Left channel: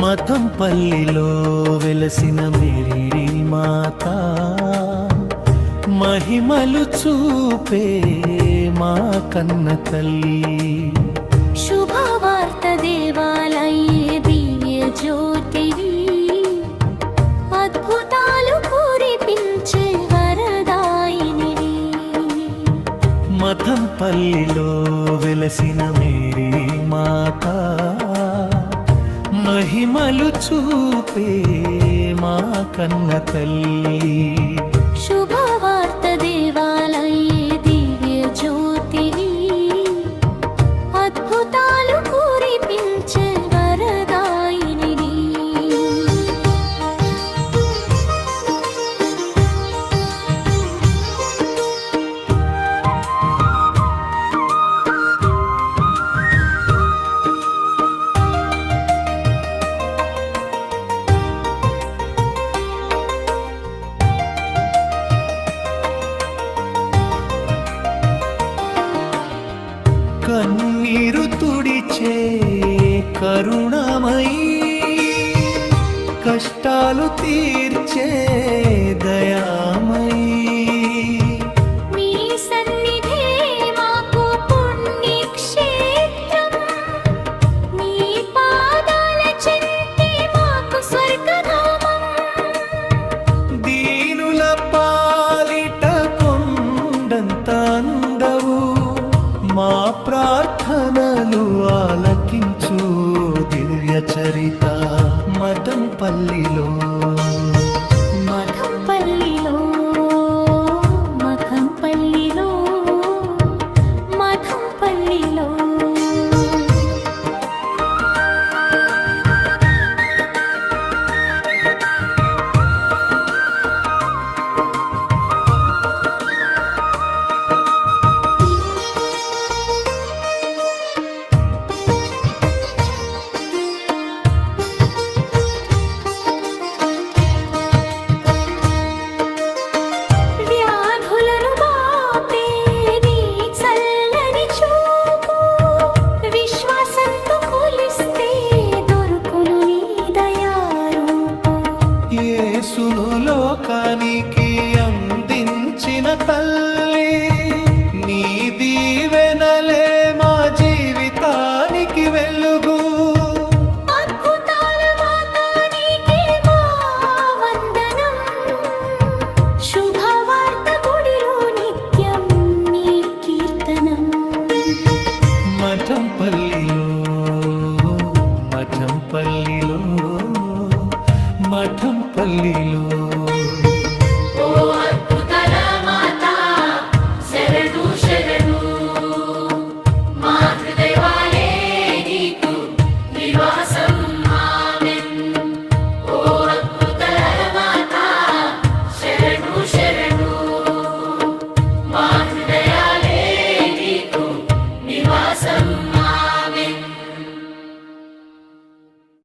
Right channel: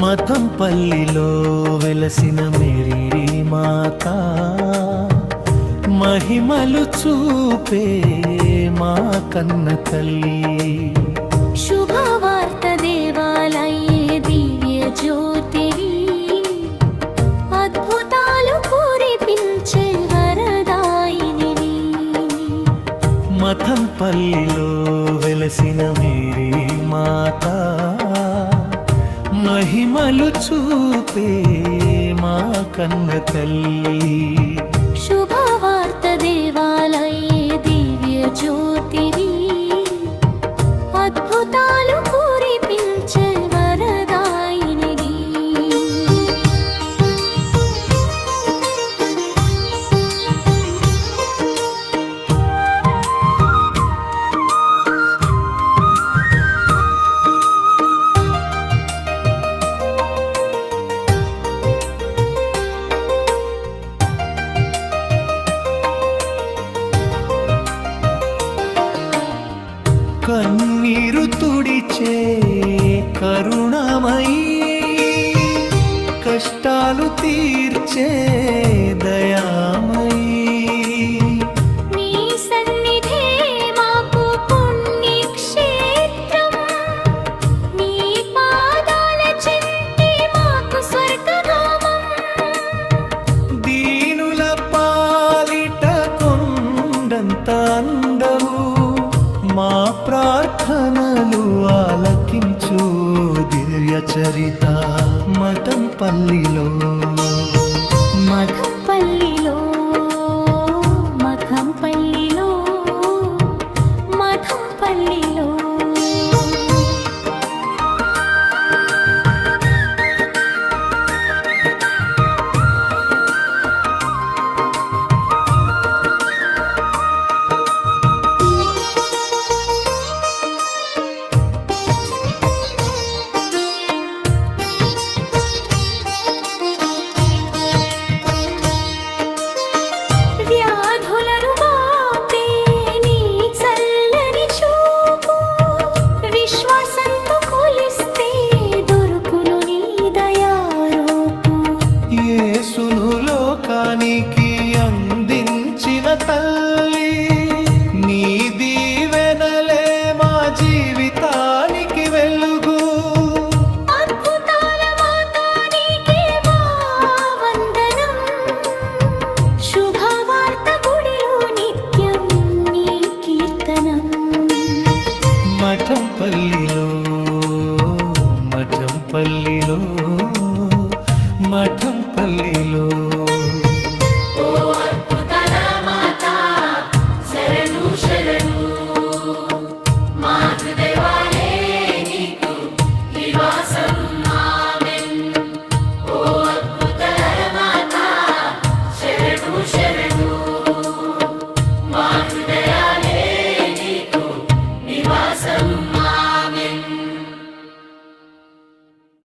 మతంపల్లిలో వెలసిన మేరీ మాత మహిమలు చూపే మా కన్న తల్లి. శుభవార్త దేవాలయే దివ్య జ్యోతివి, అద్భుతాలు కురిపించే వరదాయినివి. మతంపల్లిలో వెలసిన మేరీ మాత మహిమలు చూపే మా కన్న తల్లి. శుభవార్త దేవాలయే దివ్య జ్యోతివి, అద్భుతాలు కురిపించే వరదాయినివి. కన్నీరు తుడిచే కరుణమయీ, కష్టాలు తీర్చే దయామయీ. నీ సన్నిధే మాకు పుణ్యక్షేత్రం, నీ పాదాల చెంతే మాకు స్వర్గధామం. దీనుల పాలిట కొండంత అందవు, మా ప్రార్థనలు ఆలకించు దివ్య చరిత. మతంపల్లిలో మఠంపల్లిలో మఠంపల్లిలో మఠంపల్లిలో వ్యాధులను బాపే నీ చల్లని చూపు, విశ్వాసంతో కొలిస్తే దొరుకును నీ దయారూపు. యేసును లోకానికి అందించిన తల్లి, నీ దీవెనలే మా జీవితానికి వెలుగు. అద్భుతాల మాత నీకే మా వందనం, శుభవార్త గుడిలో నిత్యం నీ కీర్తనం. మఠంపల్లిలో మఠంపల్లిలో మఠంపల్లిలో